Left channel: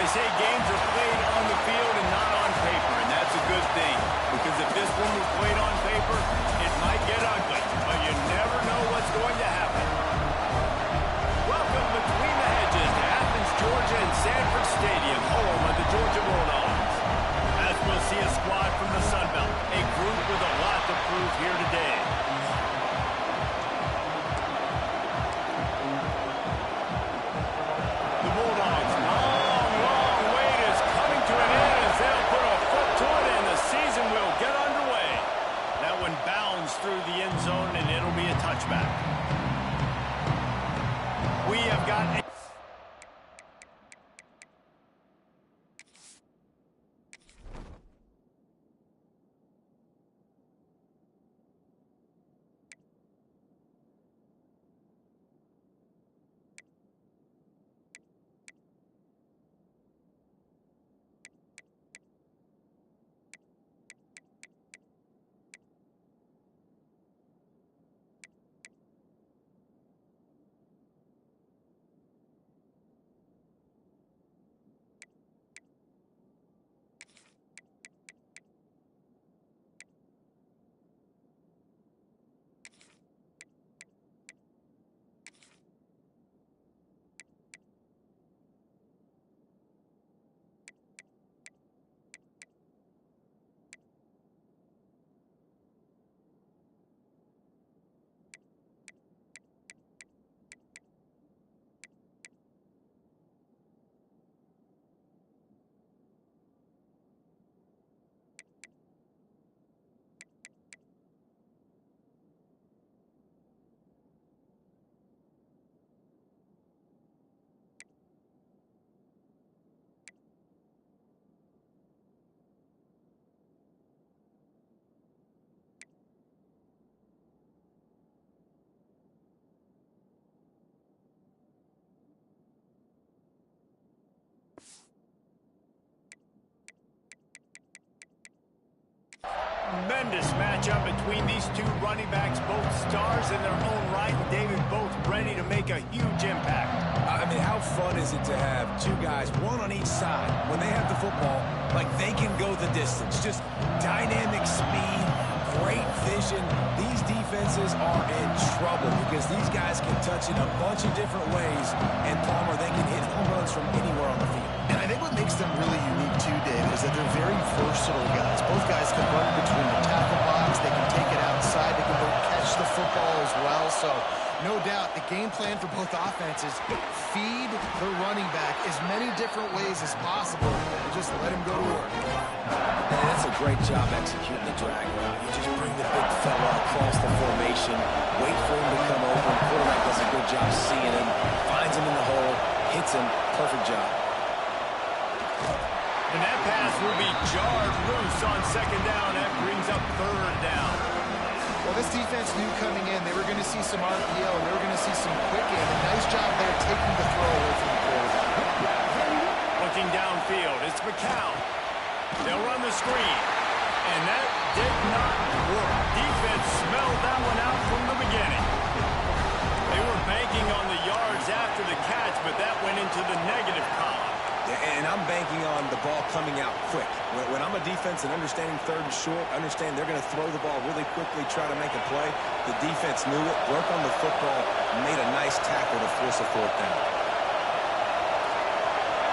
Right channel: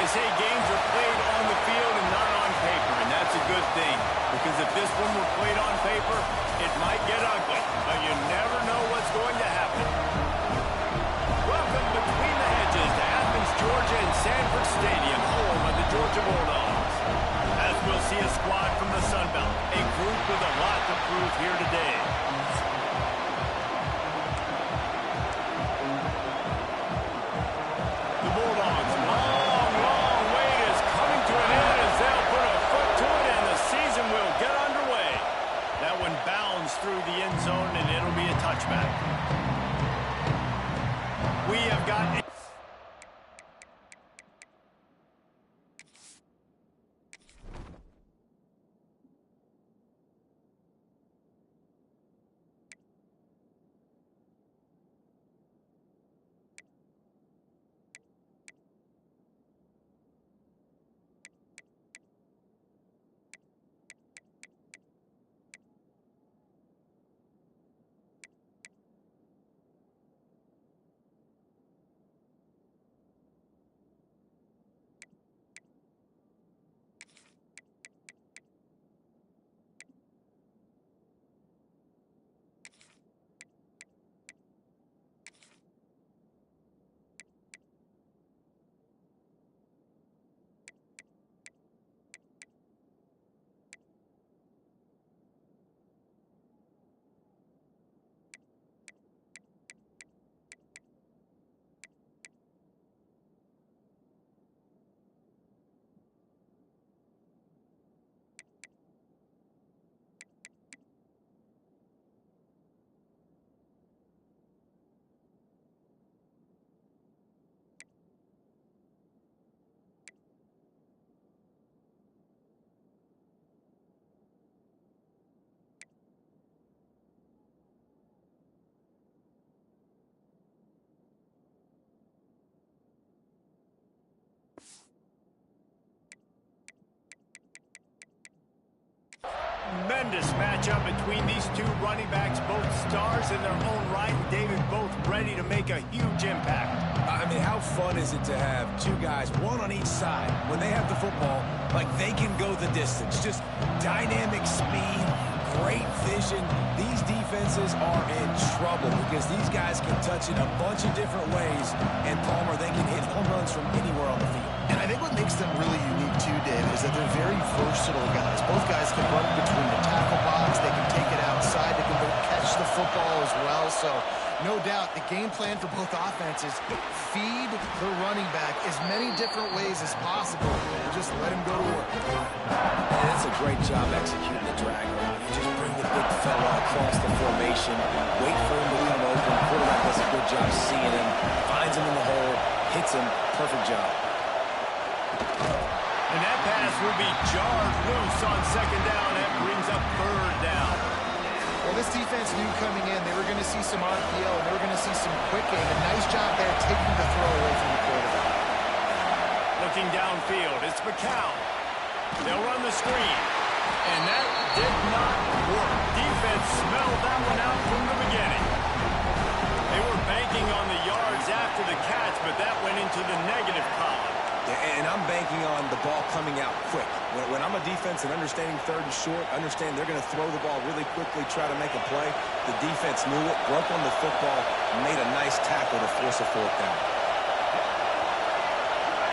They say games are played on the field and not on paper, and that's a good thing. Because if this one were played on paper, it might get ugly, but you never know what's going to happen. Welcome between the hedges to Athens, Georgia and Sanford Stadium, home of the Georgia Bulldogs. As we'll see a squad from the Sun Belt, a group with a lot to prove here today. The Bulldogs' long wait is coming to an end as they'll put a foot to it and the season will get underway. That one bounds through the end zone and it'll be a touchback. We have got a tremendous matchup between these two running backs, both stars in their own right, and David both ready to make a huge impact. I mean, how fun is it to have two guys, one on each side, when they have the football, like they can go the distance. Just dynamic speed, great vision. These defenses are in trouble because these guys can touch it a bunch of different ways, and Palmer, they can hit home runs from anywhere on the field. And I think what makes them really unique too, David, is that they're very versatile guys. Both guys can run between the tackle box, they can take it outside, they can catch the football as well. So no doubt the game plan for both offenses, feed the running back as many different ways as possible and just let him go to work. And that's a great job executing the drag route. You just bring the big fella across the formation, wait for him to come open. Quarterback does a good job seeing him, finds him in the hole, hits him. Perfect job. And that pass will be jarred loose on second down. That brings up third down. Well, this defense knew coming in they were going to see some RPO and they were going to see some quick game. A nice job there taking the throw away from the quarterback. Looking downfield, it's McCown. They'll run the screen. And that did not work. Defense smelled that one out from the beginning. They were banking on the yards after the catch, but that went into the negative column. And I'm banking on the ball coming out quick. When I'm a defense and understanding third and short, understand they're going to throw the ball really quickly, try to make a play. The defense knew it, broke on the football, made a nice tackle to force a fourth down.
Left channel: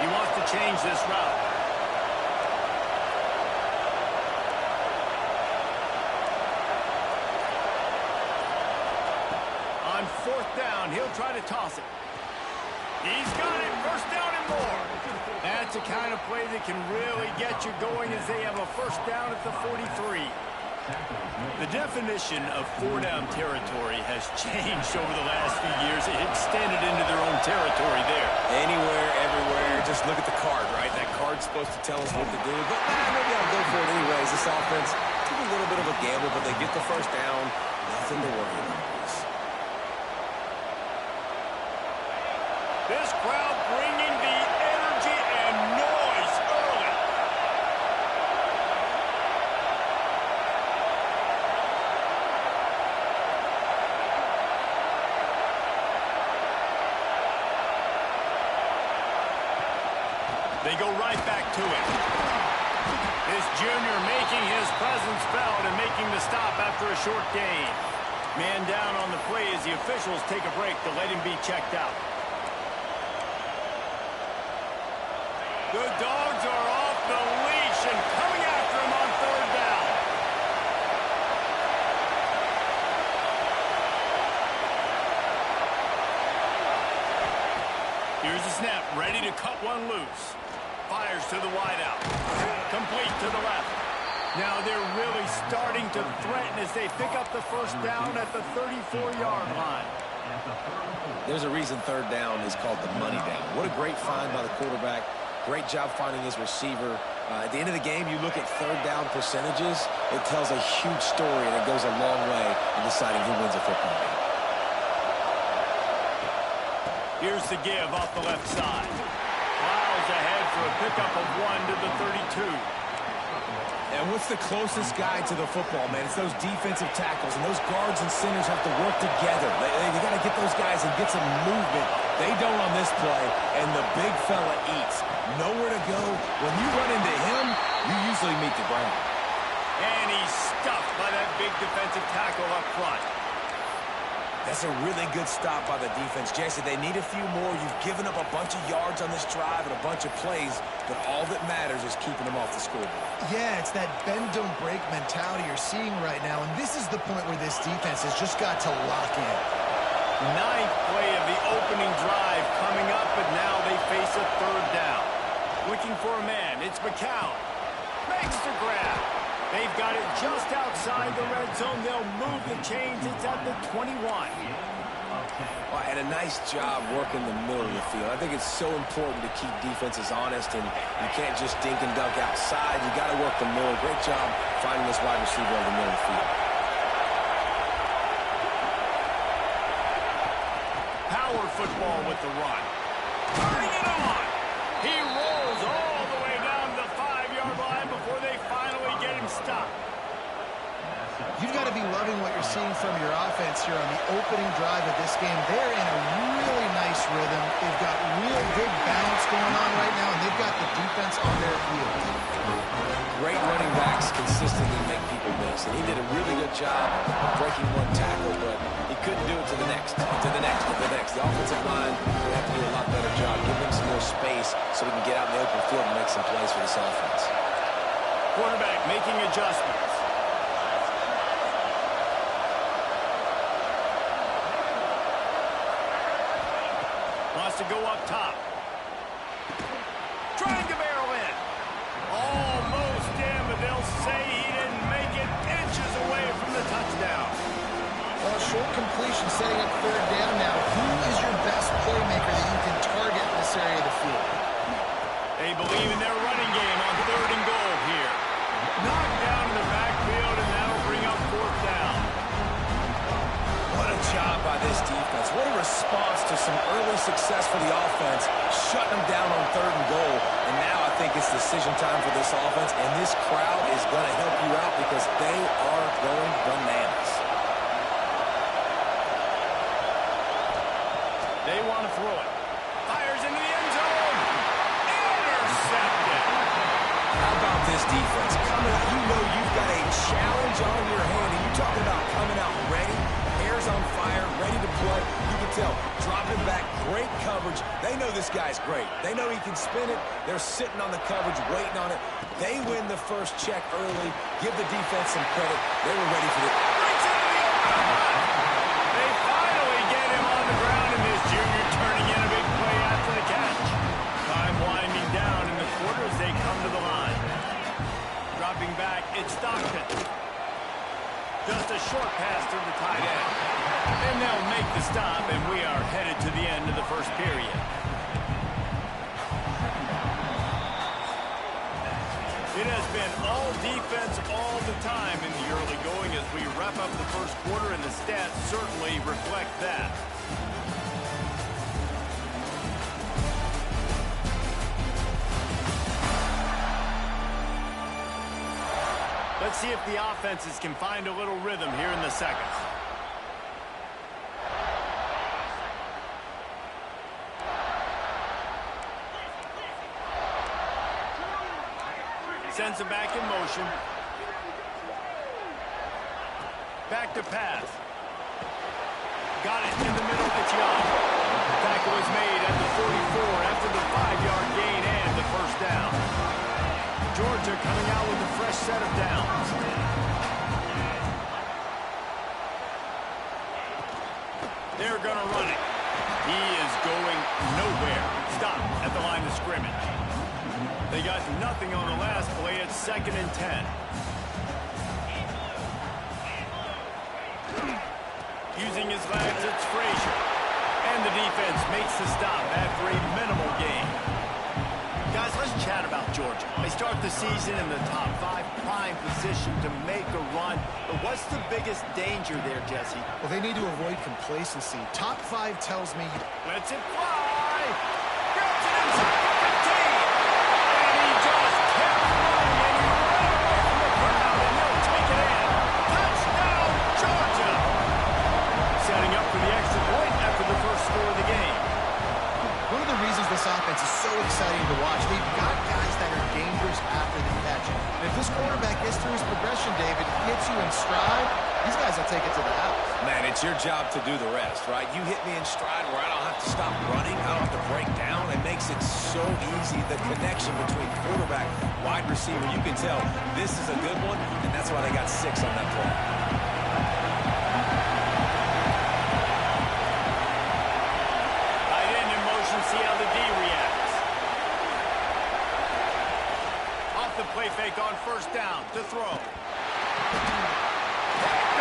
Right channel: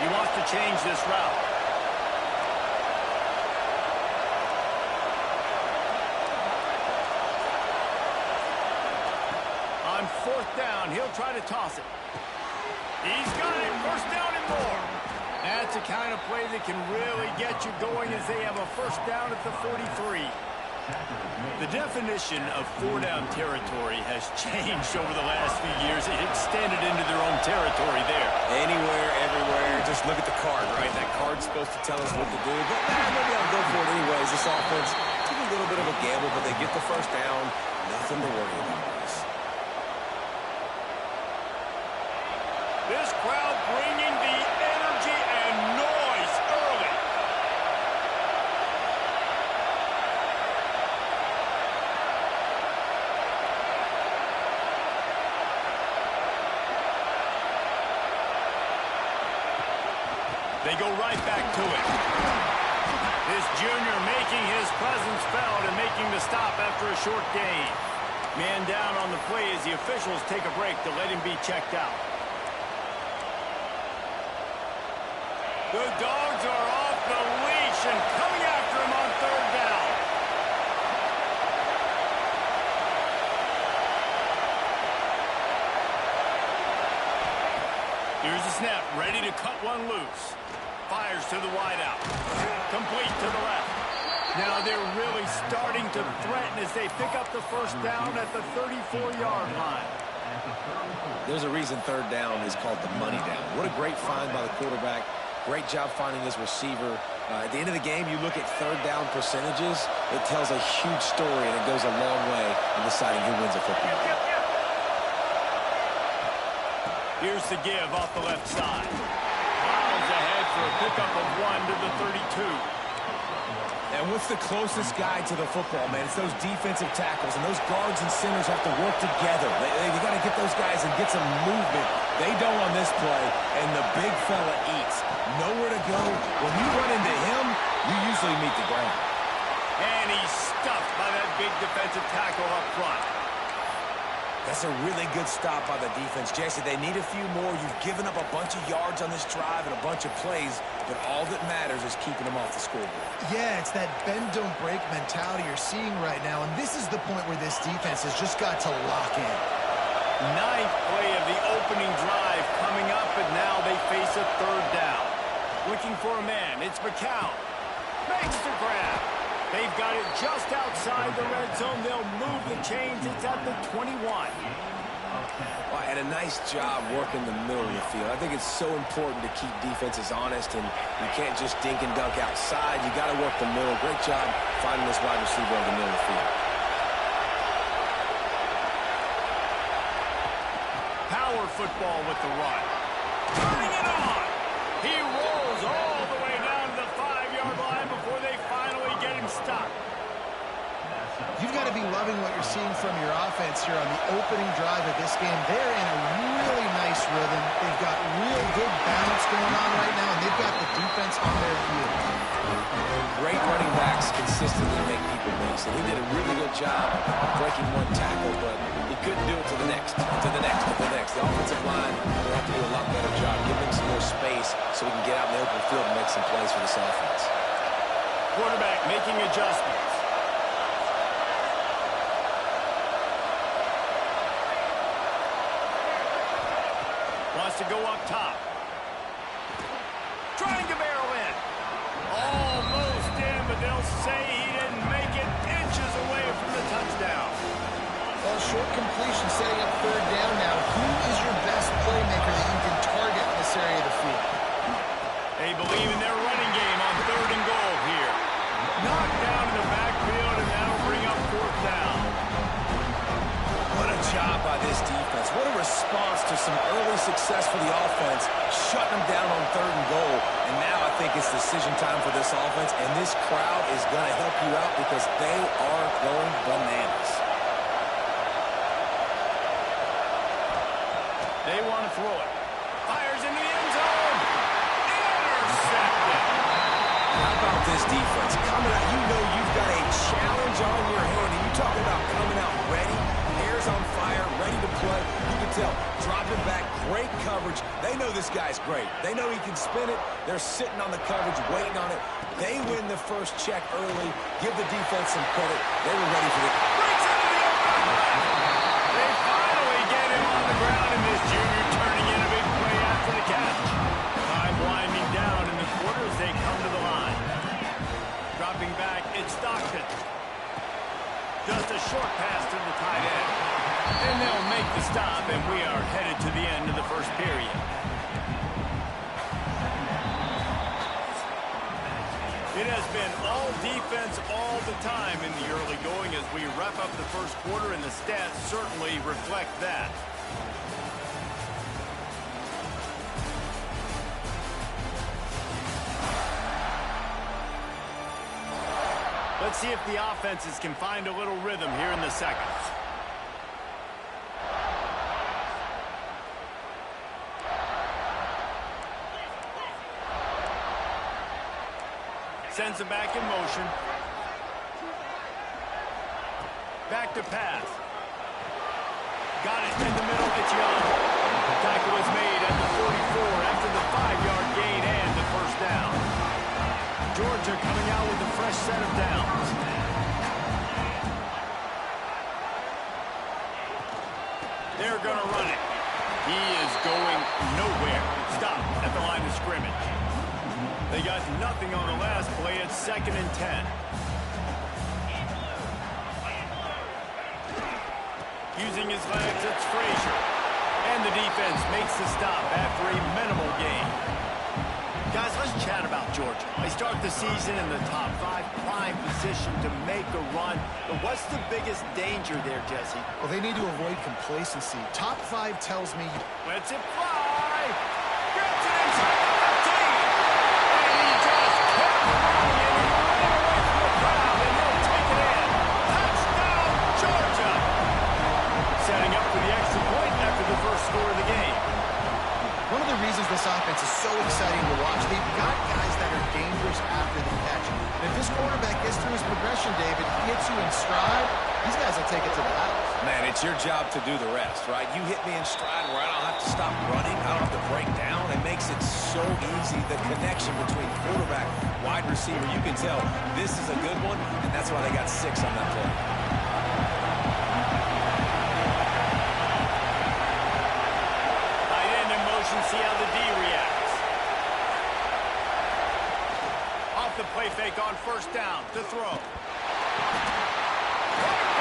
He wants to change this route. On fourth down, he'll try to toss it. He's got it. First down and more. That's the kind of play that can really get you going as they have a first down at the 43. The definition of four-down territory has changed over the last few years. It extended into their own territory there. Anywhere, everywhere. Just look at the card, right? That card's supposed to tell us what to do. But maybe I'll go for it anyways. This offense took a little bit of a gamble, but they get the first down. Nothing to worry about. This crowd bringing the energy and noise early. They go right back to it. This junior making his presence felt and making the stop after a short gain. Man down on the play as the officials take a break to let him be checked out. The Dogs are off the leash and coming after him on third down. Here's the snap, ready to cut one loose. Fires to the wideout. Complete to the left. Now they're really starting to threaten as they pick up the first down at the 34-yard line. There's a reason third down is called the money down. What a great find by the quarterback. Great job finding his receiver. At the end of the game, you look at third down percentages. It tells a huge story, and it goes a long way in deciding who wins a football game. Here's the give off the left side. Miles ahead for a pickup of 1 to the 32. And what's the closest guy to the football, man? It's those defensive tackles, and those guards and centers have to work together. They got to get those guys and get some movement. They don't on this play, and the big fella eats. Nowhere to go. When you run into him, you usually meet the ground. And he's stuffed by that big defensive tackle up front. That's a really good stop by the defense. Jason, they need a few more. You've given up a bunch of yards on this drive and a bunch of plays, but all that matters is keeping them off the scoreboard. Yeah, it's that bend, don't break mentality you're seeing right now, and this is the point where this defense has just got to lock in. Ninth play of the opening drive coming up, and now they face a third down. Looking for a man, it's McCown. Makes the grab. They've got it just outside the red zone. They'll move the chains. It's at the 21. Well, and a nice job working the middle of the field. I think it's so important to keep defenses honest, and you can't just dink and dunk outside. You got to work the middle. Great job finding this wide receiver over the middle of the field. Power football with the run. Turning it on. He rolls all the way down to the 5-yard line before they finally get him stopped. You've got to be loving what you're seeing from your offense here on the opening drive of this game. They're in a really nice rhythm. They've got real good balance going on right now, and they've got the defense on their heels. Great running backs consistently make people miss, and he did a really good job of breaking one tackle, but he couldn't do it to the next, and to the next, and to the next. The offensive line will have to do a lot better job. Give him some more space so we can get out in the open field and make some plays for this offense. Quarterback making adjustments. Wants to go up top. Trying to barrel in. Almost in, but they'll say he didn't make it, inches away from the touchdown. Well, short completion setting up third down now. Who is your best playmaker that you can target in this area of the field? They believe in their running game on third and goal here. Knocked down in the backfield, and that'll bring up fourth down. What a job by this defense. What a response to some early success for the offense, shutting them down on third and goal. And now I think it's decision time for this offense, and this crowd is going to help you out because they are going bananas. They want to throw it. Fires into the end zone. Intercepted. How about this defense? Coming out, you know you've got a challenge on your hand, and you talking about coming out ready, hair's on fire, ready to play. You can tell, dropping back, great coverage. They know this guy's great. They know he can spin it. They're sitting on the coverage, waiting on it. They win the first check early. Give the defense some credit. They were ready for it. Breaks into the open line. They finally get him on the ground, and this junior turning in a big play after the catch. Time winding down in the quarter as they come to the line. Dropping back, it's Stockton. Just a short pass to the tight end. And they'll make the stop, and we are headed to the end of the first period. It has been all defense all the time in the early going as we wrap up the first quarter, and the stats certainly reflect that. Let's see if the offenses can find a little rhythm here in the second. sends him back in motion. Back to pass. Got it in the middle. It's Young. Tackle was made at the 44 after the 5-yard gain and the first down. Georgia coming out with a fresh set of downs. They're going to run it. He is going nowhere. Stop at the line of scrimmage. They got nothing on the last play. It's 2nd and 10. Using his legs, it's Frazier. And the defense makes the stop after a minimal gain. Guys, let's chat about Georgia. They start the season in the top 5, prime position to make a run. But what's the biggest danger there, Jesse? Well, they need to avoid complacency. Top 5 tells me... Lets it fly. Grabs it inside the 15. And he just kept running, and he ran away from the crowd, and he'll take it in. Touchdown, Georgia. Setting up for the extra point after the first score of the game. One of the reasons this offense is so exciting to watch, they've got guys that are dangerous after the catch. And if this quarterback gets through his progression, David, hits you in stride, these guys will take it to the house. Man, it's your job to do the rest, right? You hit me in stride where I don't have to stop running. I don't have to break down. It makes it so easy. The connection between quarterback, wide receiver, you can tell this is a good one, and that's why they got 6 on that play. See how the D reacts. Off the play fake on first down to throw. Picked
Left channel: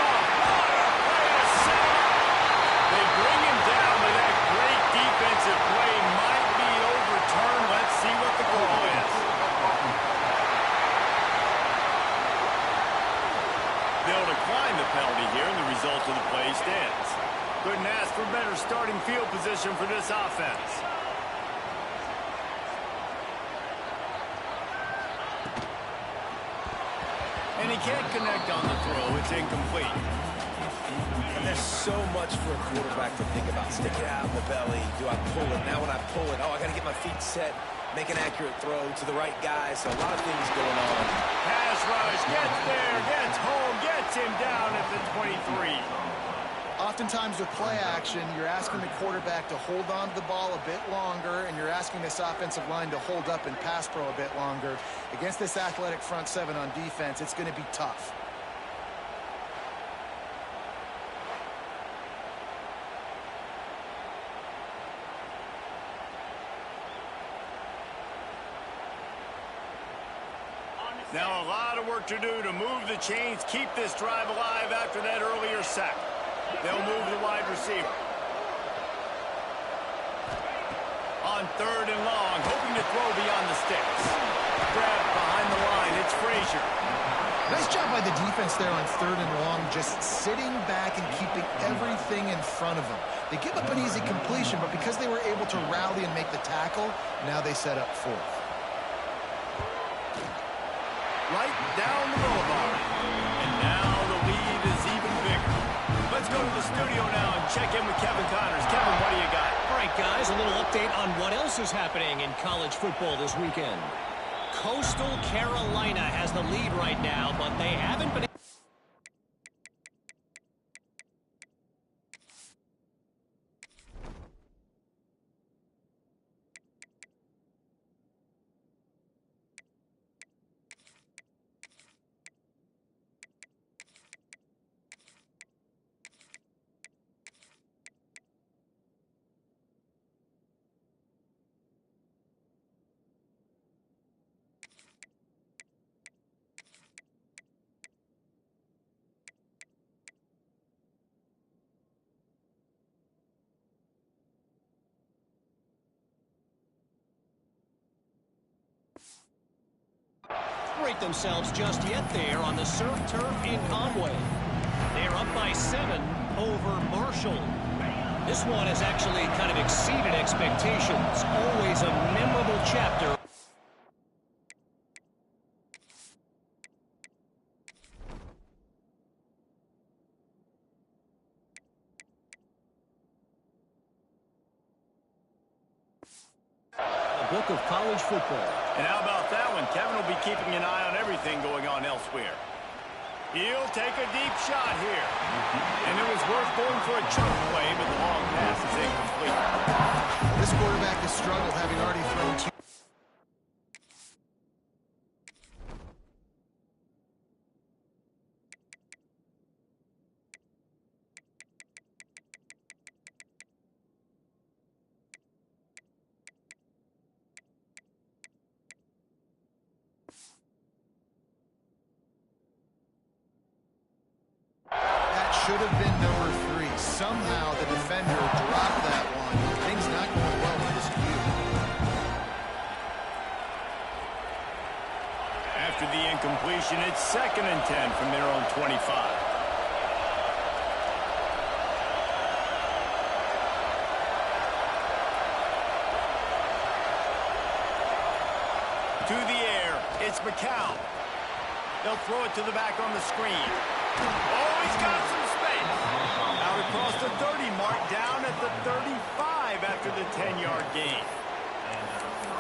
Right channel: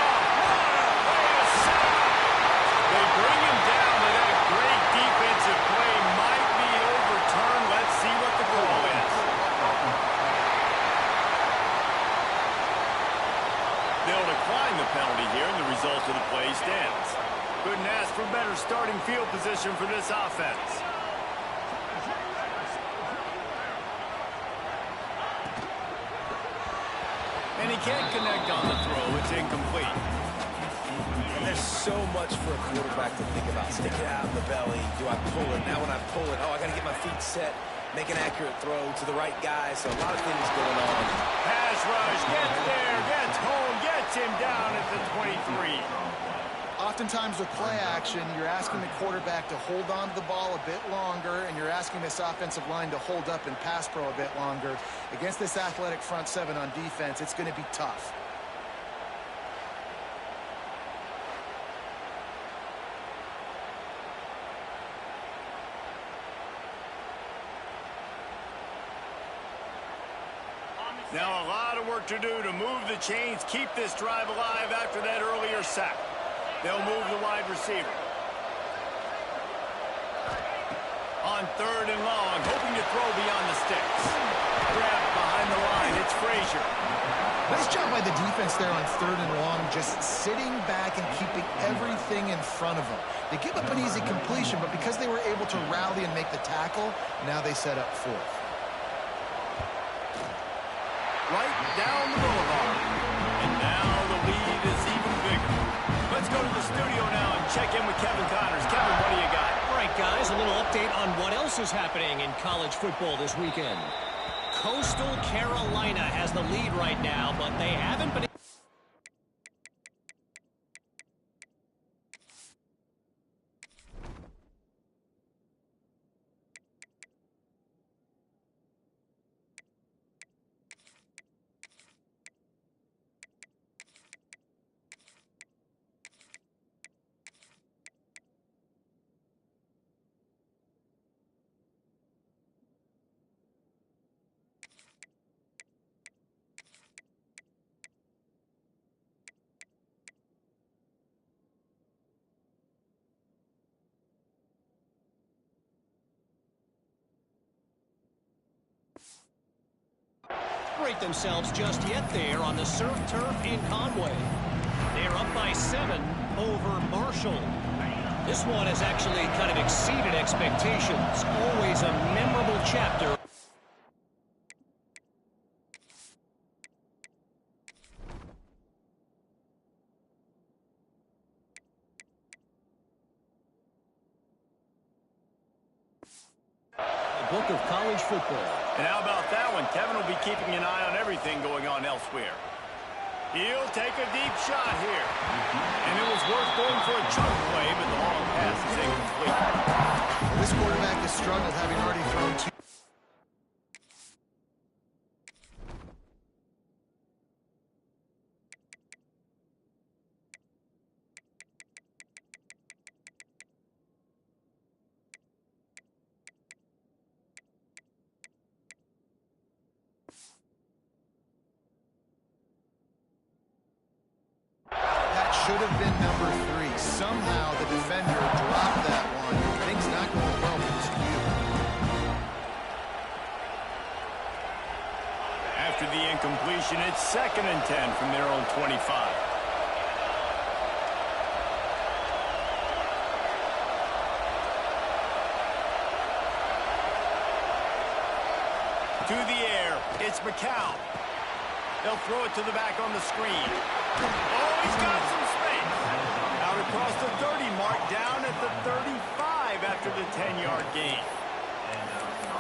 off. What a play to set him up. They bring him down, but that great defensive play might be overturned. Let's see what the call is. They'll decline the penalty here, and the result of the play stands. Couldn't ask for better starting field position for this offense. And he can't connect on the throw. It's incomplete. And there's so much for a quarterback to think about. Stick it out in the belly. Do I pull it? Now when I pull it, oh, I got to get my feet set. Make an accurate throw to the right guy. So a lot of things going on. Pass rush. Gets there. Gets home. Gets him down at the 23. Oftentimes with play action, you're asking the quarterback to hold on to the ball a bit longer, and you're asking this offensive line to hold up in pass pro a bit longer. Against this athletic front 7 on defense, it's going to be tough. Now a lot of work to do to move the chains, keep this drive alive after that earlier sack. They'll move the wide receiver. On 3rd and long, hoping to throw beyond the sticks. Grabbed behind the line, it's Frazier. Nice job by the defense there on 3rd and long, just sitting back and keeping everything in front of them. They give up an easy completion, but because they were able to rally and make the tackle, now they set up 4th. Right down the boulevard. And now the lead is even bigger. Let's go to the studio now and check in with Kevin Connors. Kevin, what do you got? All right, guys, a little update on what else is happening in college football this weekend. Coastal Carolina has the lead right now, but they haven't been... themselves just yet there on the surf turf in Conway. They're up by 7 over Marshall. This one has actually kind of exceeded expectations. Always a memorable chapter. The book of college football. And how about that one? Kevin will be keeping an eye on everything going on elsewhere. He'll take a deep shot here. And it was worth going for a chunk play, but the long pass is incomplete. Well, this quarterback has struggled, having already thrown two. That should have been number 3. Somehow the defender dropped that one. Things not going well for this Q. After the incompletion, it's 2nd and 10 from their own 25. To the air, it's McCown. They'll throw it to the back on the screen. Oh, he's got some space. Out across the 30 mark, down at the 35 after the 10-yard gain.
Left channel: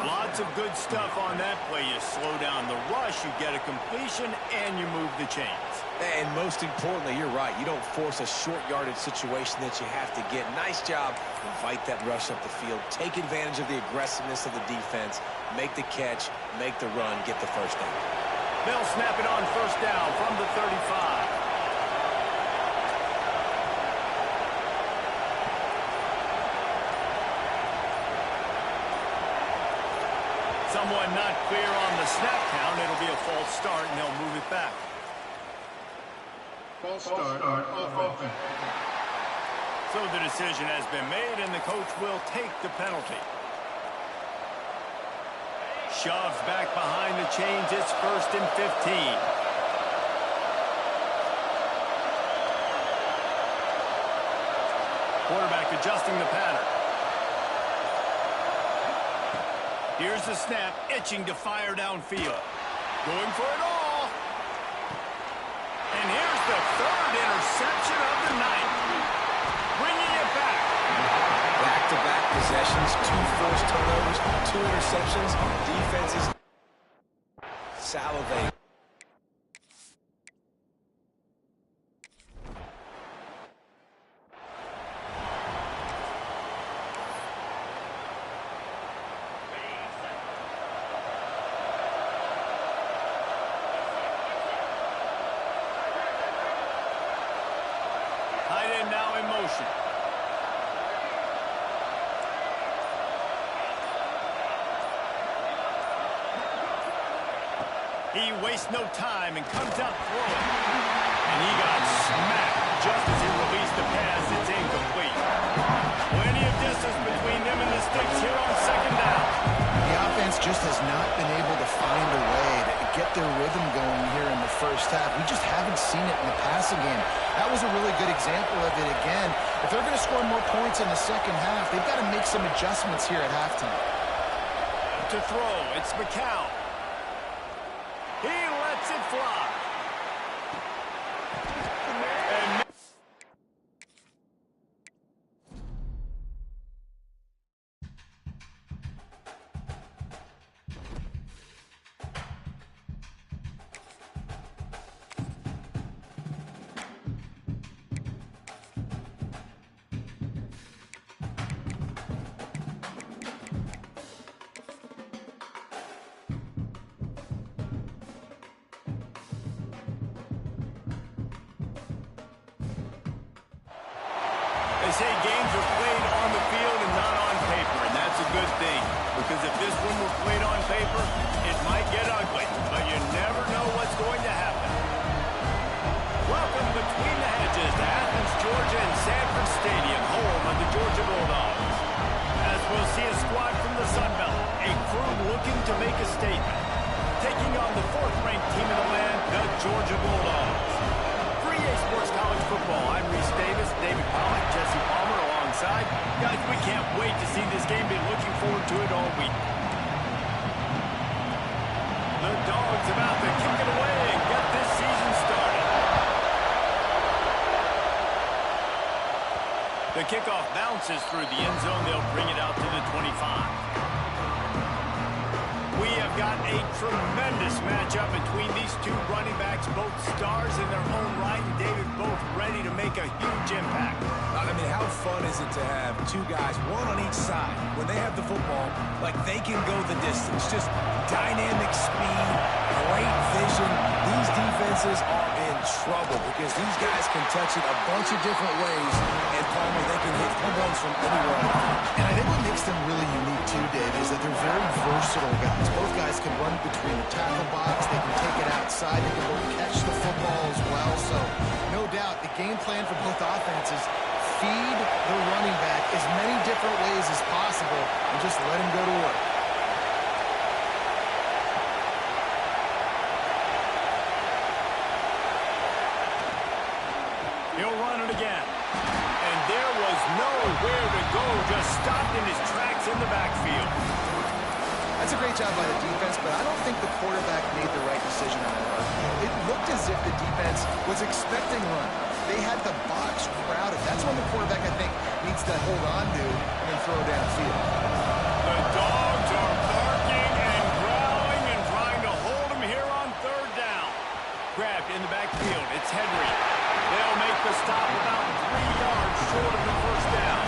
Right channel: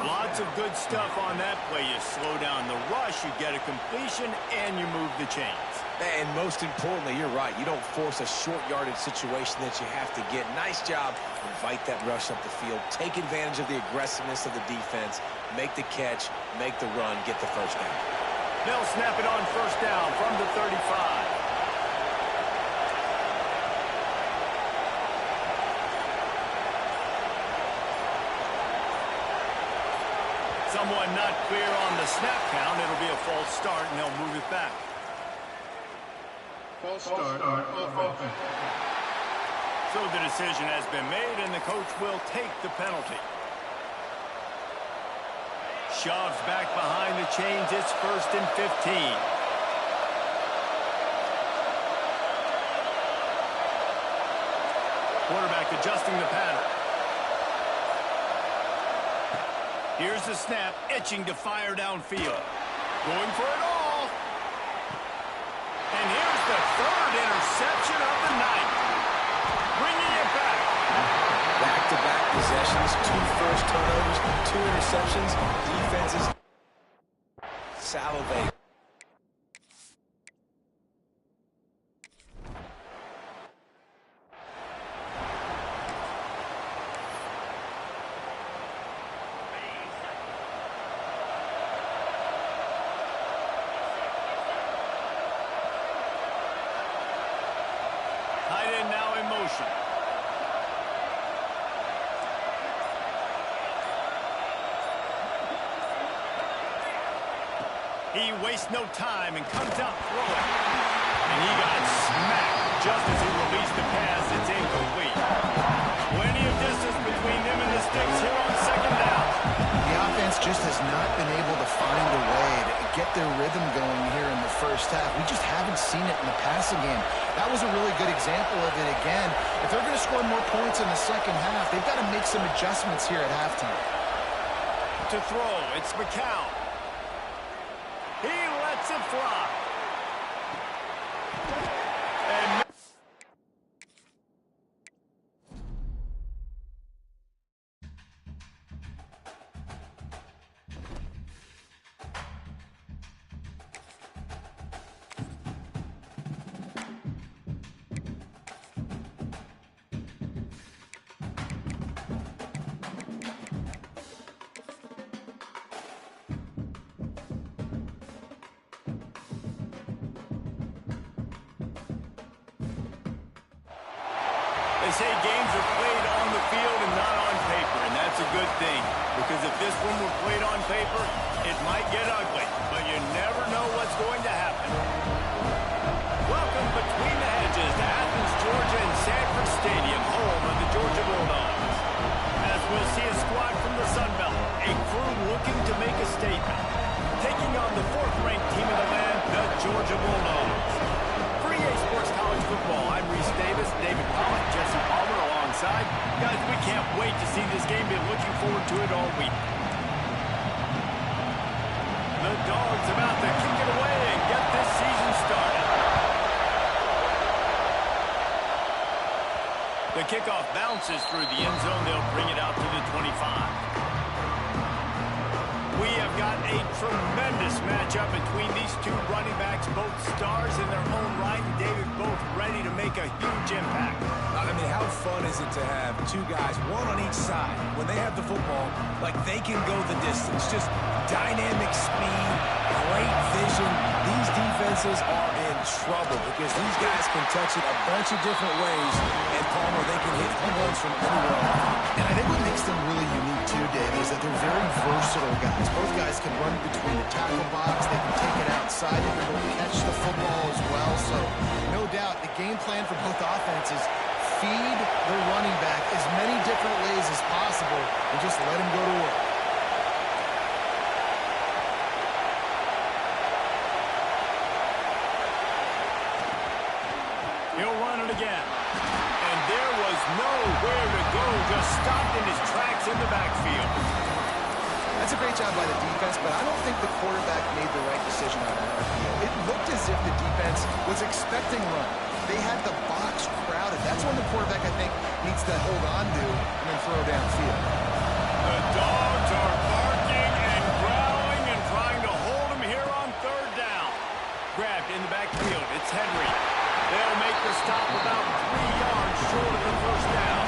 Lots of good stuff on that play. You slow down the rush, you get a completion, and you move the chains. And most importantly, you're right. You don't force a short yardage situation that you have to get. Nice job. Invite that rush up the field. Take advantage of the aggressiveness of the defense. Make the catch, make the run, get the first down. They'll snap it on first down from the 35. Someone not clear on the snap count. It'll be a false start, and they'll move it back. False start offense. So the decision has been made, and the coach will take the penalty. Shoves back behind the chains. It's 1st and 15. Quarterback adjusting the pattern. Here's the snap, itching to fire downfield. Going for it all. And here's the 3rd interception of the night. Bringing it back. Back-to-back possessions, 2 forced turnovers, 2 interceptions. Defenses salivate. Tight end now in motion. He wastes no time and comes out throwing. And he got smacked just as he released the pass. It's incomplete. Plenty of distance between them and the sticks here on 2nd down. The offense just has not been able to find a way to get their rhythm going here in the first half. We just haven't seen it in the passing game. That was a really good example of it again. If they're going to score more points in the second half, they've got to make some adjustments here at halftime. To throw, it's McCown. He lets it fly. And they say games are played on the field and not on paper, and that's a good thing. Because if this one were played on paper, it might get ugly, but you never know what's going to happen. Welcome between the hedges to Athens, Georgia and Sanford Stadium, home of the Georgia Bulldogs. As we'll see a squad from the Sun Belt, a crew looking to make a statement. Taking on the 4th-ranked team in the land, the Georgia Bulldogs. For EA Sports College Football, I'm Reese Davis, David Pollock, Jesse Palmer alongside. Guys, we can't wait to see this game. Been looking forward to it all week. The Dogs about to kick it away and get this season started. The kickoff bounces through the end zone. They'll bring it out to the 25. We have got a tremendous matchup between these two running backs, both stars in their own right, and David, both ready to make a huge impact. I mean, how fun is it to have two guys, one on each side, when they have the football, like they can go the distance. Just dynamic speed, great vision. These defenses are in trouble because these guys can touch it a bunch of different ways, and Palmer, they can hit home runs from anywhere on the field. And I think what makes them really unique too, David, is that they're very versatile guys. Both guys can run between the tackle box. They can take it outside. They can both catch the football as well. So no doubt the game plan for both offenses, feed the running back as many different ways as possible and just let him go to work. He'll run it again. And there was nowhere to go, just stopped in his tracks in the backfield. That's a great job by the defense, but I don't think the quarterback made the right decision on that RPO. It looked as if the defense was expecting run. They had the box crowded. That's when the quarterback, I think, needs to hold on to and then throw downfield. The dogs are barking and growling and trying to hold him here on third down. Grabbed in the backfield. It's Henry. They'll make the stop about 3 yards short of the first down.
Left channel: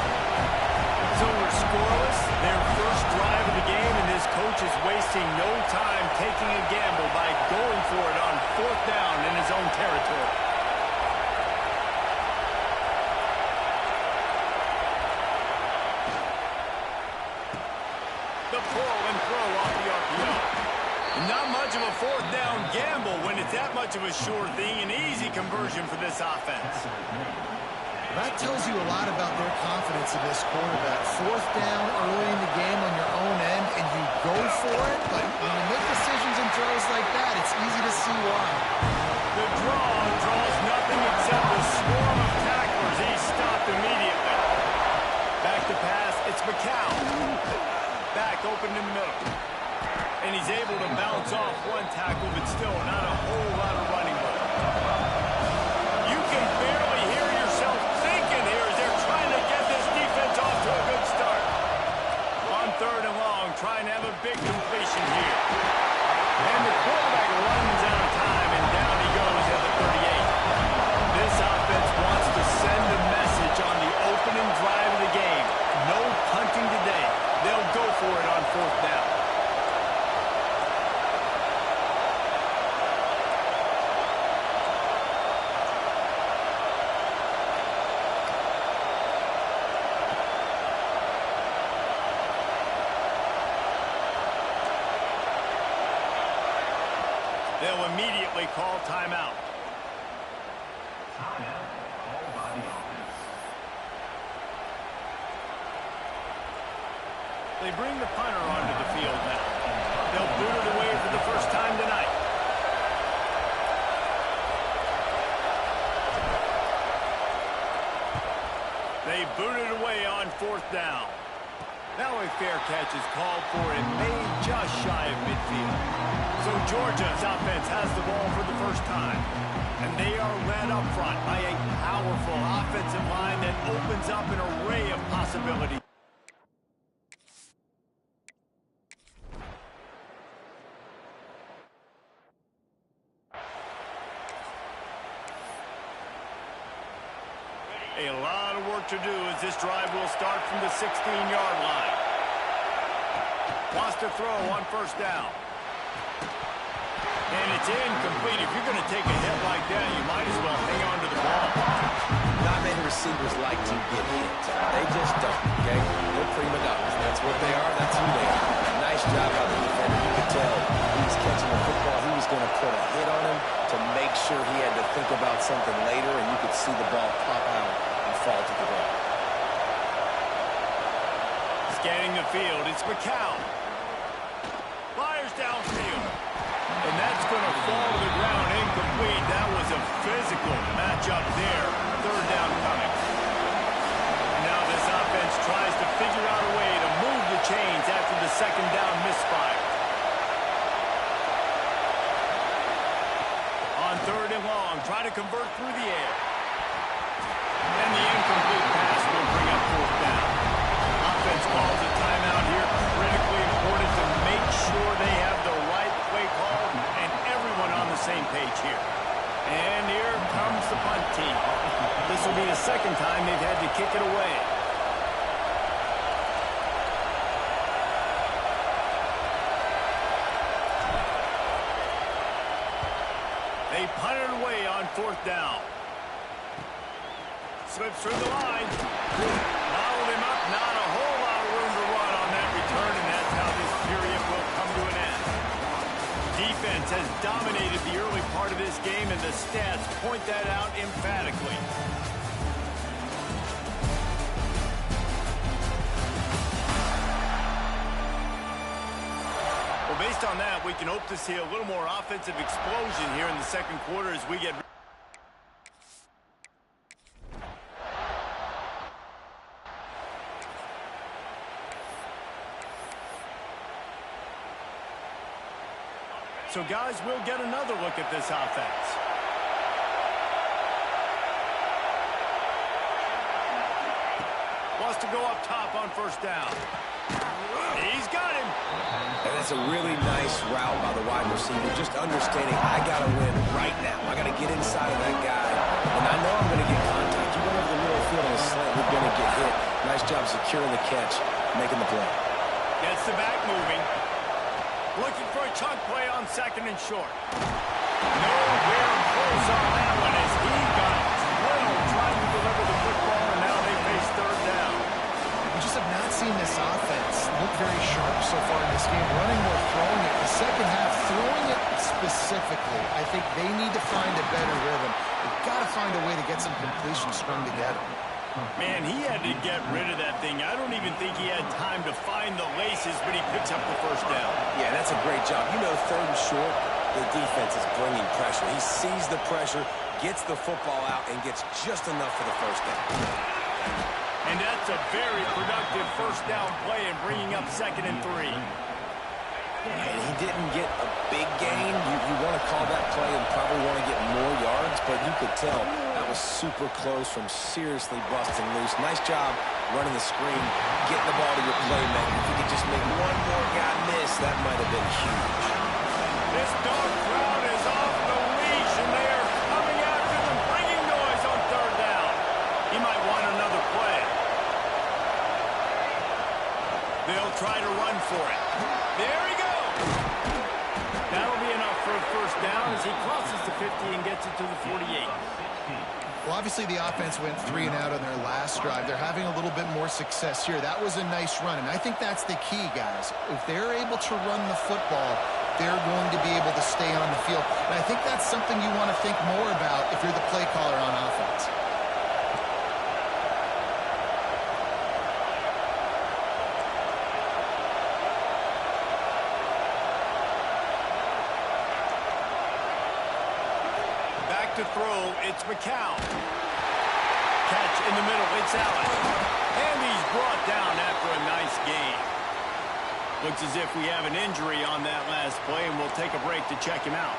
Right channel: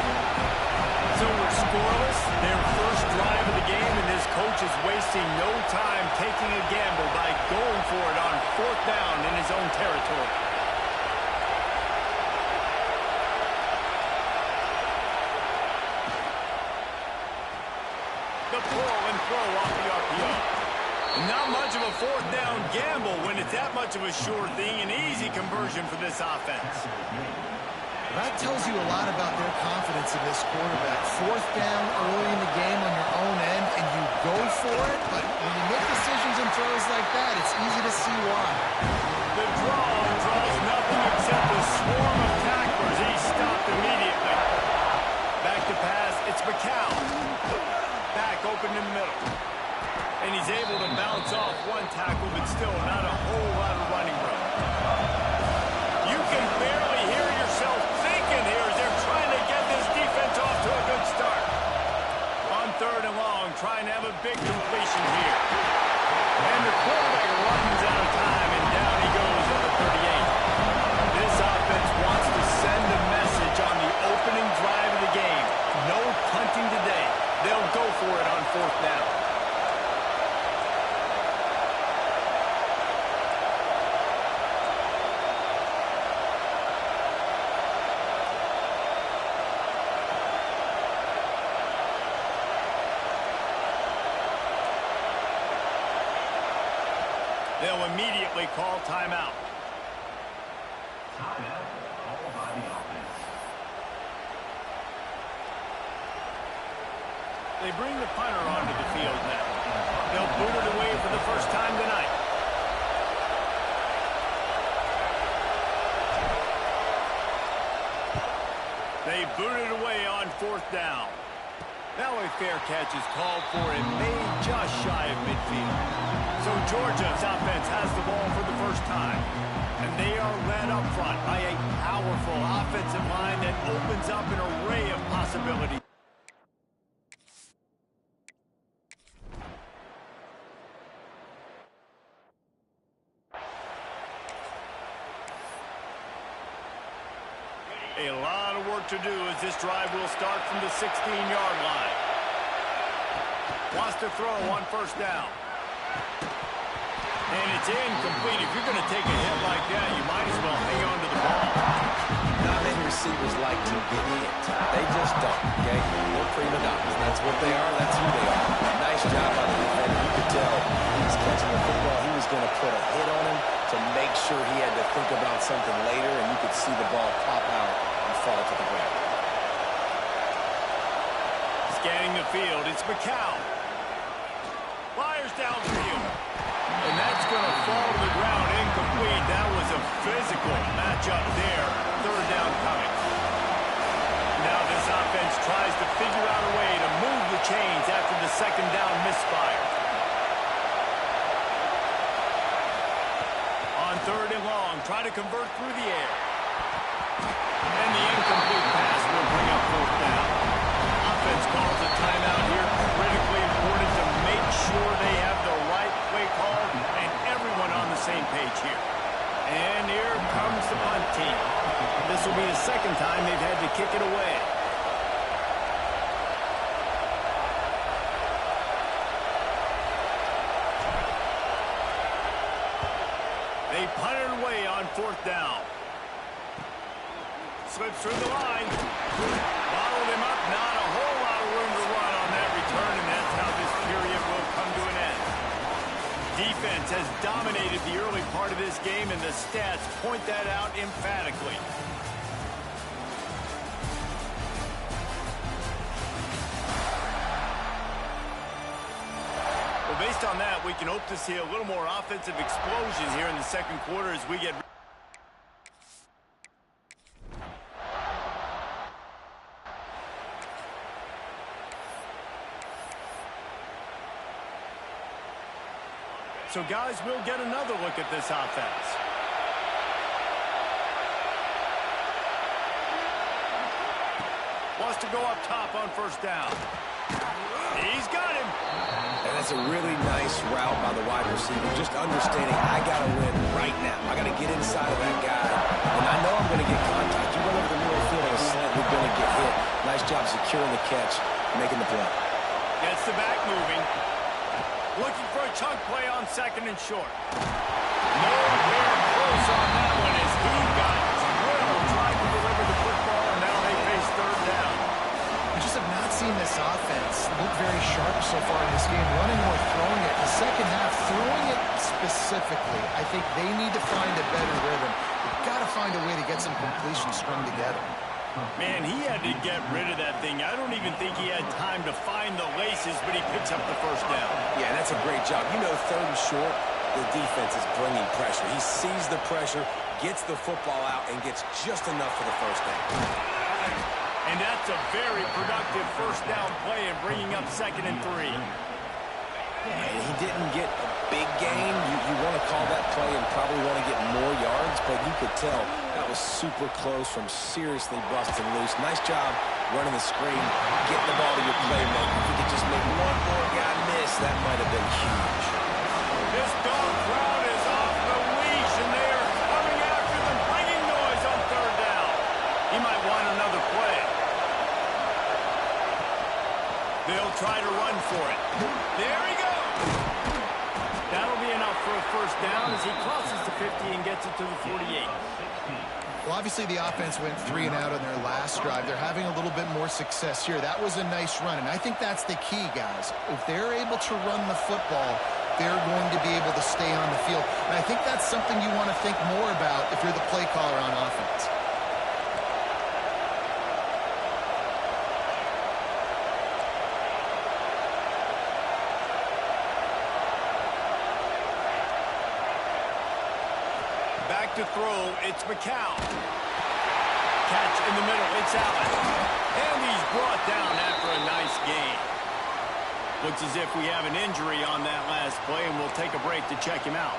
So we're scoreless, their first drive of the game, and this coach is wasting no time taking a gamble by going for it on fourth down in his own territory. The pull and throw off the RPO. Not much of a fourth down gamble when it's that much of a sure thing, an easy conversion for this offense. That tells you a lot about their confidence in this quarterback. Fourth down early in the game on your own end, and you go for it, but when you make decisions and throws like that, it's easy to see why. The draw draws nothing except a swarm of tacklers. He's stopped immediately. Back to pass, it's McCown. Back open in the middle. And he's able to bounce off one tackle, but still not a whole lot of running room. You can barely hear yourself thinking here as they're trying to get this defense off to a good start. On third and long, trying to have a big completion here. And the quarterback runs out of time, and down he goes at the 38. This offense wants to send a message on the opening drive of the game. No punting today. They'll go for it on fourth down. They'll immediately call timeout. Timeout called by the offense. They bring the punter onto the field now. They'll boot it away for the first time tonight. They boot it away on fourth down. Now a fair catch is called for and made just shy of midfield. So Georgia's offense has the ball for the first time. And they are led up front by a powerful offensive line that opens up an array of possibilities. A lot of work to do as this drive will start from the 16-yard line. Wants to throw on first down. And it's incomplete. If you're going to take a hit like that, you might as well hang on to the ball. Not many receivers like to get hit. They just don't, okay? They're prima donnas. That's what they are. That's who they are. Nice job by the defender. You could tell he was catching the football. He was going to put a hit on him to make sure he had to think about something later, and you could see the ball pop out and fall to the ground. Scanning the field, it's McCown. Fires downfield. And that's going to fall to the ground incomplete. That was a physical matchup there. Third down coming. Now this offense tries to figure out a way to move the chains after the second down misfire. On third and long, try to convert through the air. And the incomplete pass will bring up fourth down. Offense calls a timeout here. Critically important to make sure they have the play called and everyone on the same page here. And here comes the punt team. This will be the second time they've had to kick it away. They punted away on 4th down. Slips through the line. Bottled him up. Not a whole lot of room to run on that return, and that's how this period will come to an end. Defense has dominated the early part of this game, and the stats point that out emphatically. Well, based on that, we can hope to see a little more offensive explosion here in the second quarter as we get... So, guys, we'll get another look at this offense. Wants to go up top on 1st down. He's got him. And that's a really nice route by the wide receiver. Just understanding I got to win right now. I got to get inside of that guy. And I know I'm going to get contact. You run over the middle of the field on a slant, you're going to get hit. Nice job securing the catch, making the play. Gets the back moving. Looking for a chunk play on 2nd and short. Nowhere close on that one as he got drilled trying to deliver the football, and now they face 3rd down. We just have not seen this offense look very sharp so far in this game, running or throwing it. The second half, throwing it specifically, I think they need to find a better rhythm. They've got to find a way to get some completions strung together. Man, he had to get rid of that thing. I don't even think he had time to find the laces, but he picks up the 1st down. Yeah, that's a great job. You know, 3rd and short, the defense is bringing pressure. He sees the pressure, gets the football out, and gets just enough for the 1st down. And that's a very productive 1st down play in bringing up 2nd and 3. And he didn't get a big gain. You want to call that play and probably want to get more yards, but you could tell that was super close from seriously busting loose. Nice job running the screen, getting the ball to your playmaker. If you could just make one more guy miss, that might have been huge. This dog crowd is off the leash, and they are coming after them, bringing noise on 3rd down. He might want another play. They'll try to run for it. There he goes. That'll be enough for a 1st down as he crosses the 50 and gets it to the 48. Well, obviously the offense went 3 and out on their last drive. They're having a little bit more success here. That was a nice run, and I think that's the key, guys. If they're able to run the football, they're going to be able to stay on the field. And I think that's something you want to think more about if you're the play caller on offense. Back to throw, it's McCown. Catch in the middle, it's Allen. And he's brought down after a nice gain. Looks as if we have an injury on that last play, and we'll take a break to check him out.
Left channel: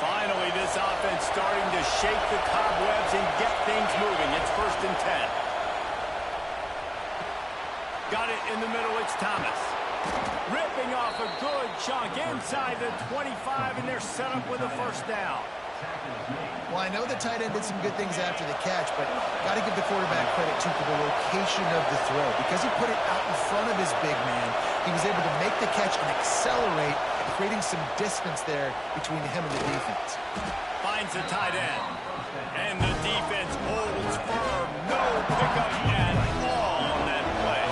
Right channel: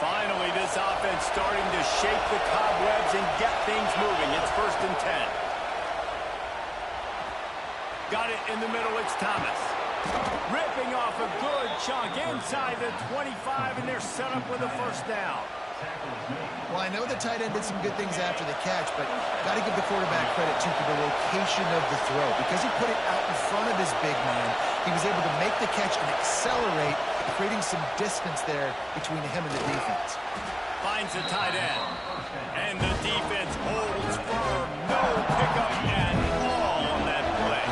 Finally, this offense starting to shake the cobwebs and get things moving. It's 1st and 10. Got it in the middle, it's Thomas. Ripping off a good chunk inside the 25, and they're set up with a 1st down. Well, I know the tight end did some good things after the catch, but got to give the quarterback credit, too, for the location of the throw. Because he put it out in front of his big man, he was able to make the catch and accelerate, creating some distance there between him and the defense. Finds the tight end. And the defense holds firm. No pickup at all on that play.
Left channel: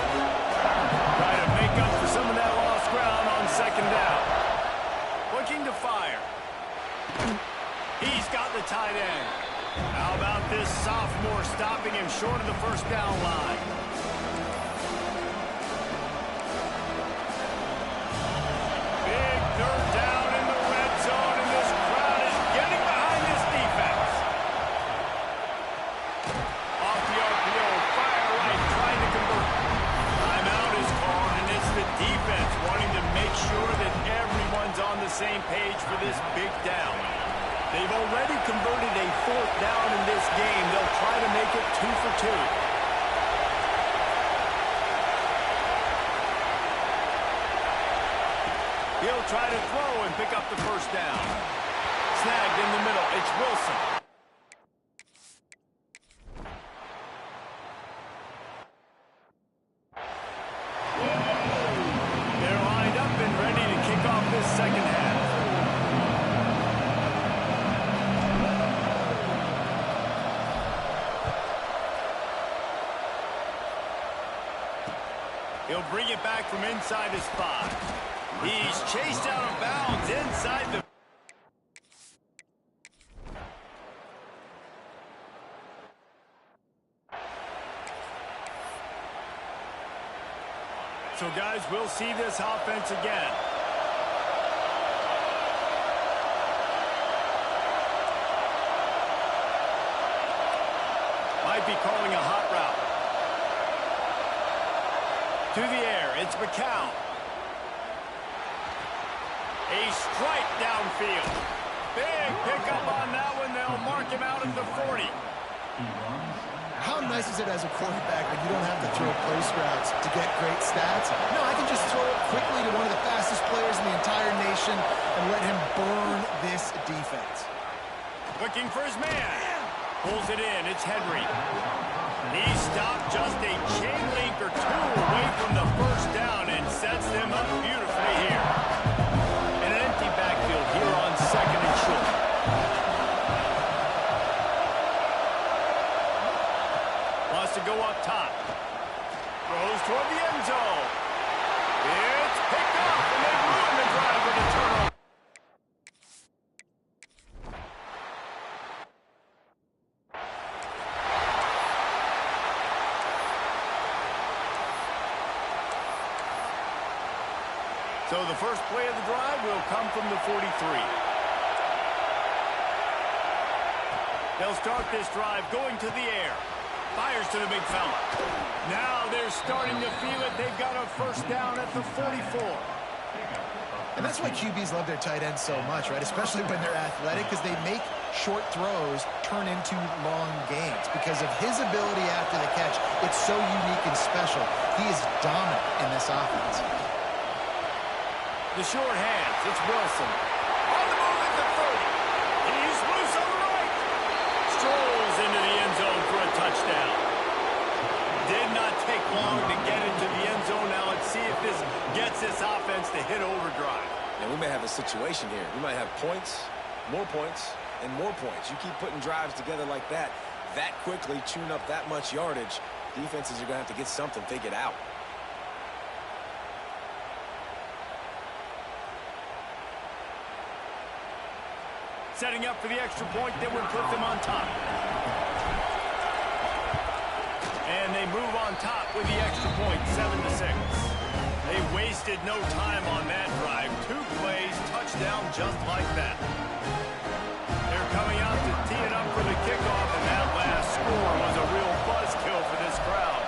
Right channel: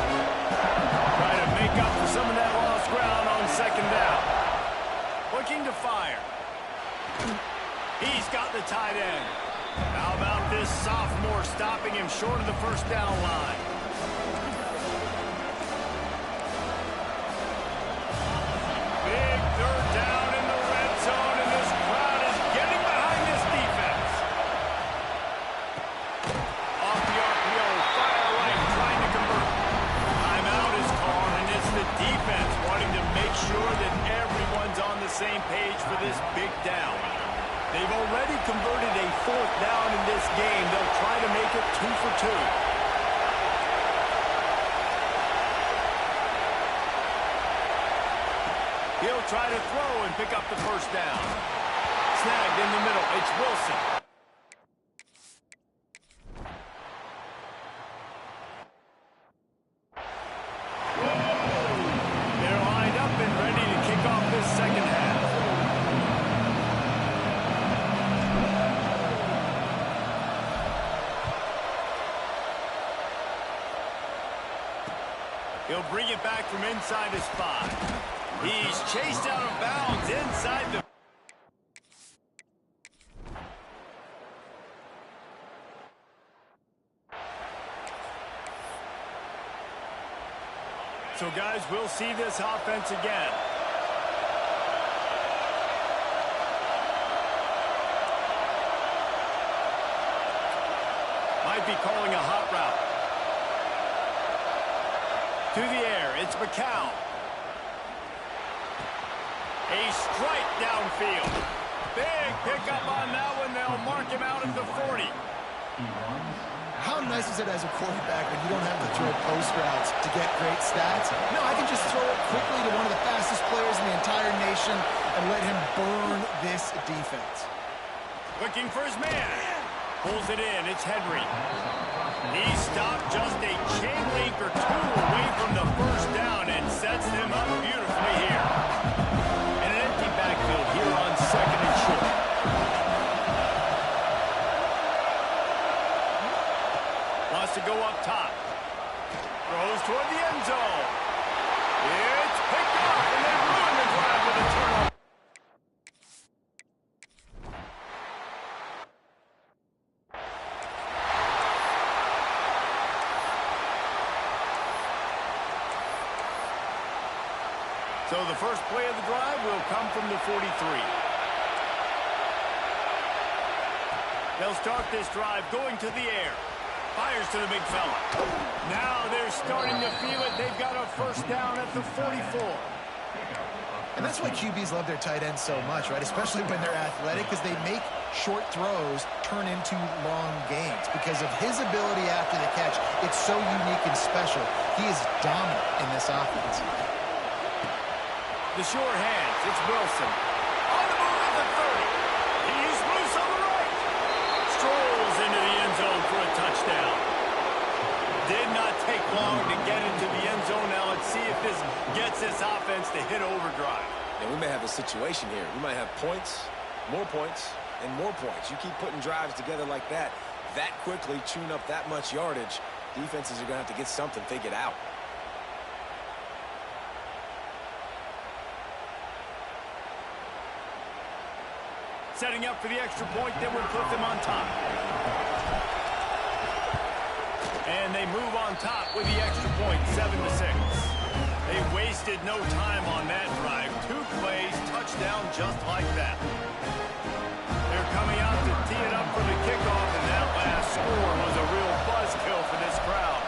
Try to make up for some of that lost ground on 2nd down. Looking to fire. He's got the tight end. How about this sophomore stopping him short of the 1st down line? Big 3rd down in the red zone, and this crowd is getting behind this defense. Off the RPO, fire right, trying to convert. Timeout is called, and it's the defense wanting to make sure that everyone's on the same page for this big down. They've already converted a 4th down in this game. They'll try to make it 2 for 2. He'll try to throw and pick up the first down. Snagged in the middle. It's Wilson. They're lined up and ready to kick off this second half. He'll bring it back from inside his 5. He's chased out of bounds inside the... So, guys, we'll see this offense again. Might be calling a hot route. To the air, it's McCown. A strike downfield. Big pickup on that one. They'll mark him out at the 40. How nice is it as a quarterback when you don't have to throw post routes to get great stats? No, I can just throw it quickly to one of the fastest players in the entire nation and let him burn this defense. Looking for his man. Pulls it in. It's Henry. He stopped just a chain link or two away from the first down and sets them up beautifully here. And an empty backfield here on second and short. Wants to go up top. Throws toward the end zone. It's picked off, and they ruin the drive with a turnover. So the first play of the drive will come from the 43. They'll start this drive going to the air. Fires to the big fella. Now they're starting to feel it. They've got a first down at the 44. And that's why QBs love their tight ends so much, right? Especially when they're athletic, because they make short throws turn into long gains. Because of his ability after the catch, it's so unique and special. He is dominant in this offense. The short hands, it's Wilson. On the move at the 30. He's loose on the right. Strolls into the end zone for a touchdown. Did not take long to get into the end zone. Now let's see if this gets this offense to hit overdrive. And we may have a situation here. We might have points, and more points. You keep putting drives together like that quickly, tune up that much yardage, defenses are going to have to get something figured out. Setting up for the extra point that would put them on top. And they move on top with the extra point, 7-6. They wasted no time on that drive. 2 plays, touchdown just like that. They're coming out to tee it up for the kickoff, and that last score was a real buzzkill for this crowd.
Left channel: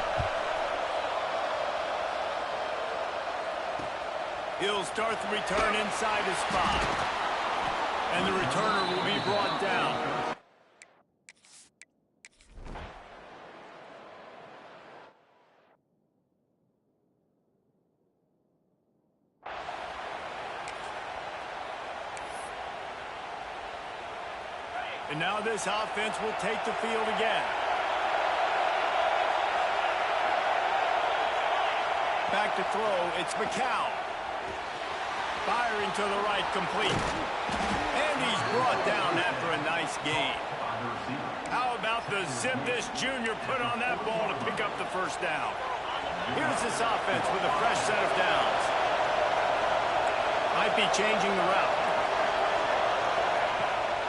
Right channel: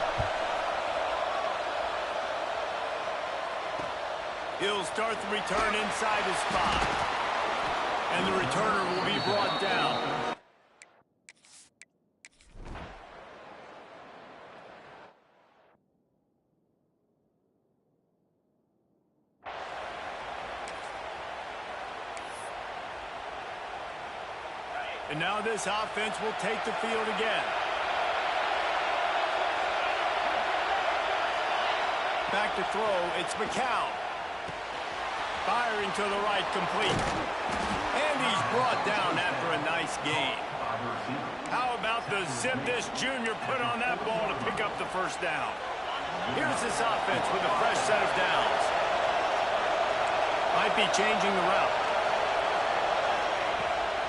He'll start the return inside his 5. And the returner will be brought down. And now this offense will take the field again. Back to throw, it's McCown. Firing to the right, complete. And he's brought down after a nice gain. How about the zip this junior put on that ball to pick up the first down? Here's this offense with a fresh set of downs. Might be changing the route.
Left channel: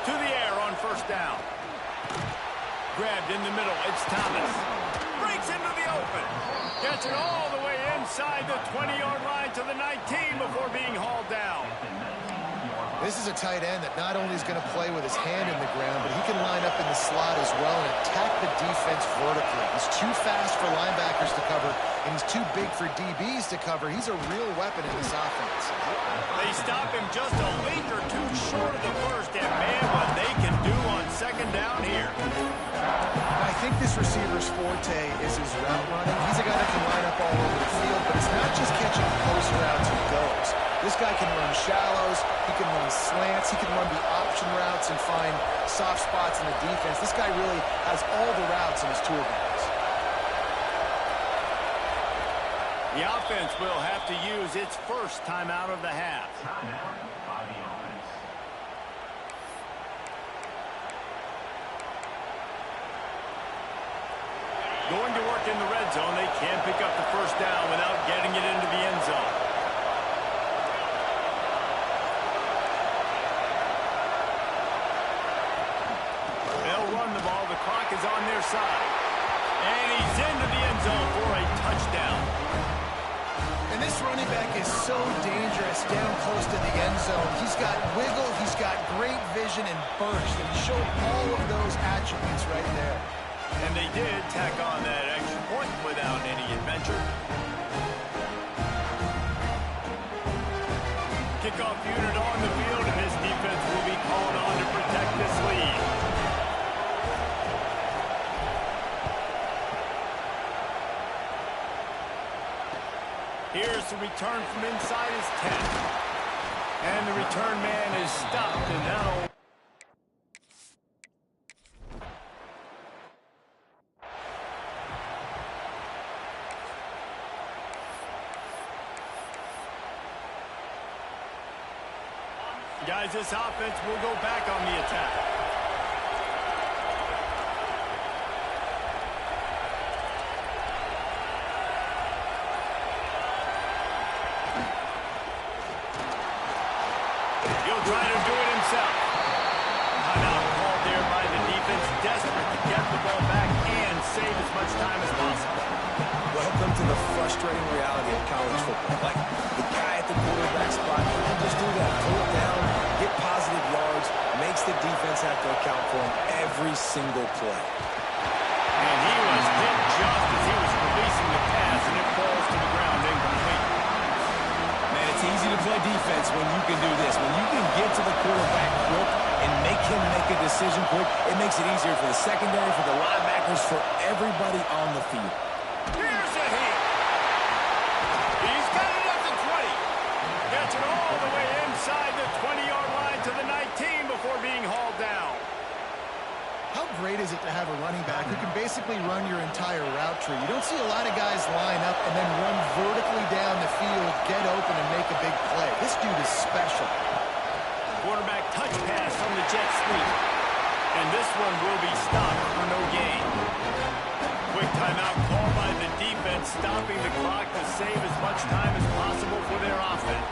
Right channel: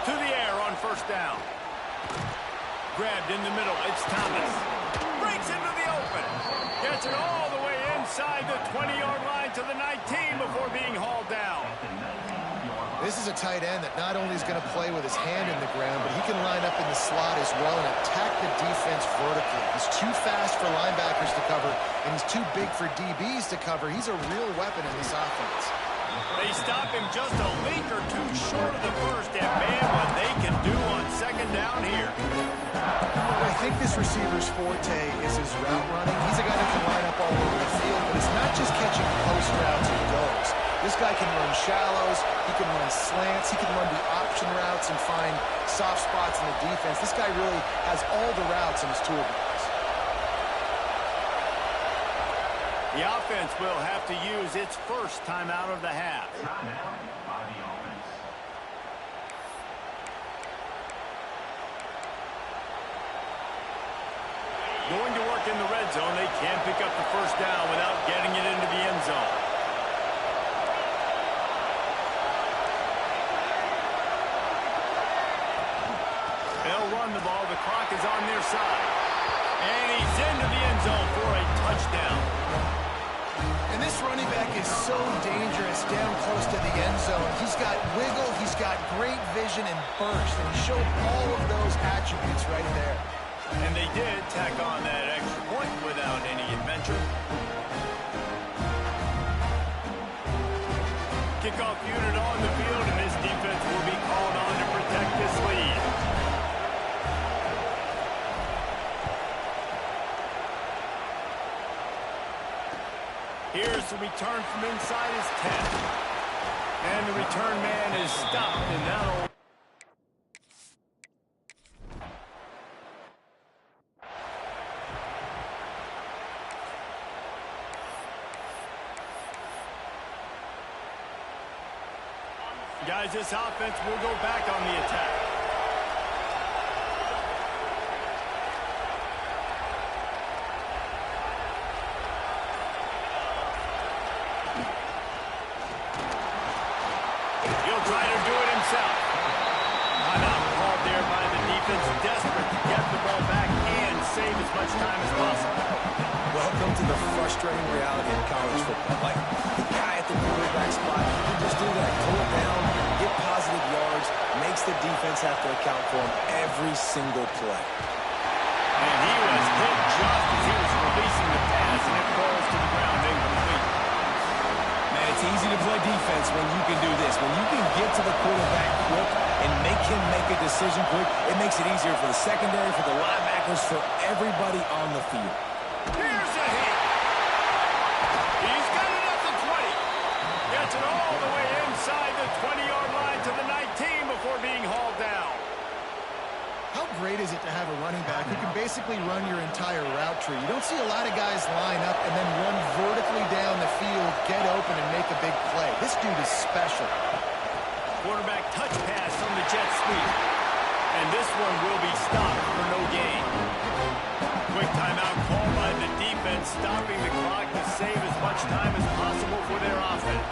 To the air on first down. Grabbed in the middle, it's Thomas. Breaks into the open. Gets it all the way inside the 20-yard line to the 19 before being hauled down. This is a tight end that not only is going to play with his hand in the ground, but he can line up in the slot as well and attack the defense vertically. He's too fast for linebackers to cover, and he's too big for DBs to cover. He's a real weapon in this offense. They stop him just a link or two short of the first, and man, what they can do on second down here. I think this receiver's forte is his route running. He's a guy that can line up all over the field, but it's not just catching post routes and goes. This guy can run shallows, he can run slants, he can run the option routes and find soft spots in the defense. This guy really has all the routes in his toolbox. The offense will have to use its first timeout of the half. Timeout by the offense. Going to work in the red zone, they can pick up the first down without getting it into the end zone. They'll run the ball. The clock is on their side. And he's into the end zone for a touchdown. And this running back is so dangerous down close to the end zone. He's got wiggle, he's got great vision and burst, and he showed all of those attributes right there. And they did tack on that extra point without any adventure. Kickoff unit on the field, and this defense will be called on to protect this lead. Here's the return from inside his 10. And the return man is stopped, and that'll... Guys, this offense will go back on the attack. He'll try to do it himself. Timeout called there by the defense, desperate to get the ball back and save as much time as possible. Welcome to the frustrating reality of college football. Like, the guy at the quarterback spot, he can just do that. Pull it down, get positive yards, makes the defense have to account for him every single play. And he was hit just as he was releasing the pass, and it falls to the ground incomplete. Man, it's easy to play defense when you can do this. When you can get to the quarterback quick and make him make a decision quick, it makes it easier for the secondary, for the linebackers, for everybody on the field. Here's a hit. He's got it at the 20. Gets it all the way inside the 20-yard line to the 19 before being hauled down. How great is it to have a running back who can basically run your entire route tree? You don't see a lot of guys line up and then run vertically down the field, get open, and make a big play. This dude is special. Quarterback touch pass from the jet sweep. And this one will be stopped for no gain. Quick timeout called by the defense, stopping the clock to save as much time as possible for their offense.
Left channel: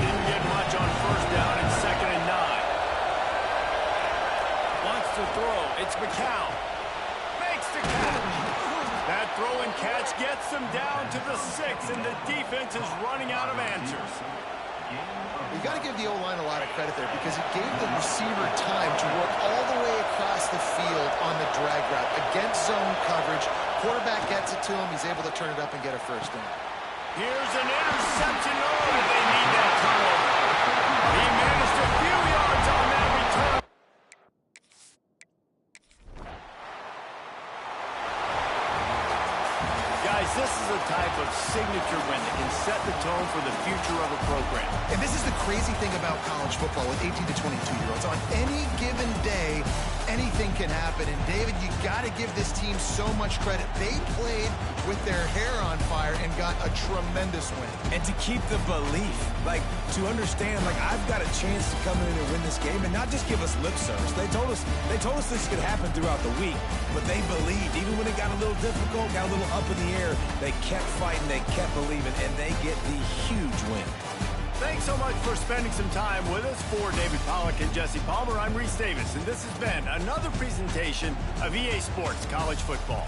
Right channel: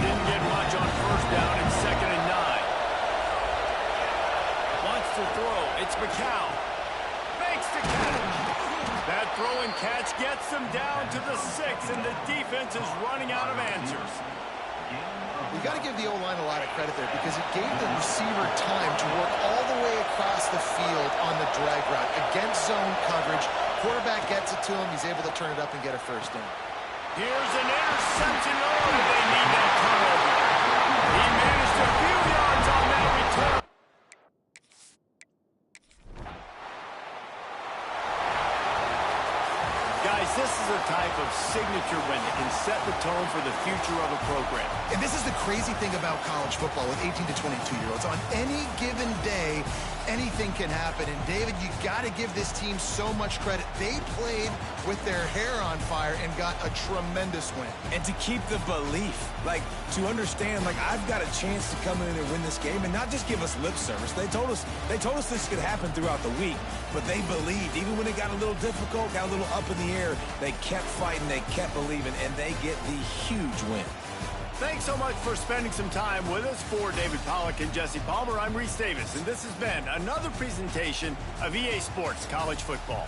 Didn't get much on first down and 2nd and 9. Wants to throw. It's McCown. Makes the catch. That throw and catch gets them down to the 6, and the defense is running out of answers. You got to give the O-line a lot of credit there because it gave the receiver time to work all the way across the field on the drag route against zone coverage. Quarterback gets it to him. He's able to turn it up and get a first down. Here's an interception. Oh, did they need that turnover? He managed a few yards on that return. Guys, this is a type of signature win that can set the tone for the future of a program. And this is the crazy thing about college football with 18 to 22-year-olds. On any given day, anything can happen. And, David, you got to give this team so much credit. They played with their hair on fire and got a tremendous win. And to keep the belief, like, to understand, like, I've got a chance to come in and win this game and not just give us lip service. They told us this could happen throughout the week, but they believed. Even when it got a little difficult, got a little up in the air, they kept fighting, they kept believing, and they get the huge win. Thanks so much for spending some time with us. For David Pollack and Jesse Palmer, I'm Reese Davis, and this has been another presentation of EA Sports College Football.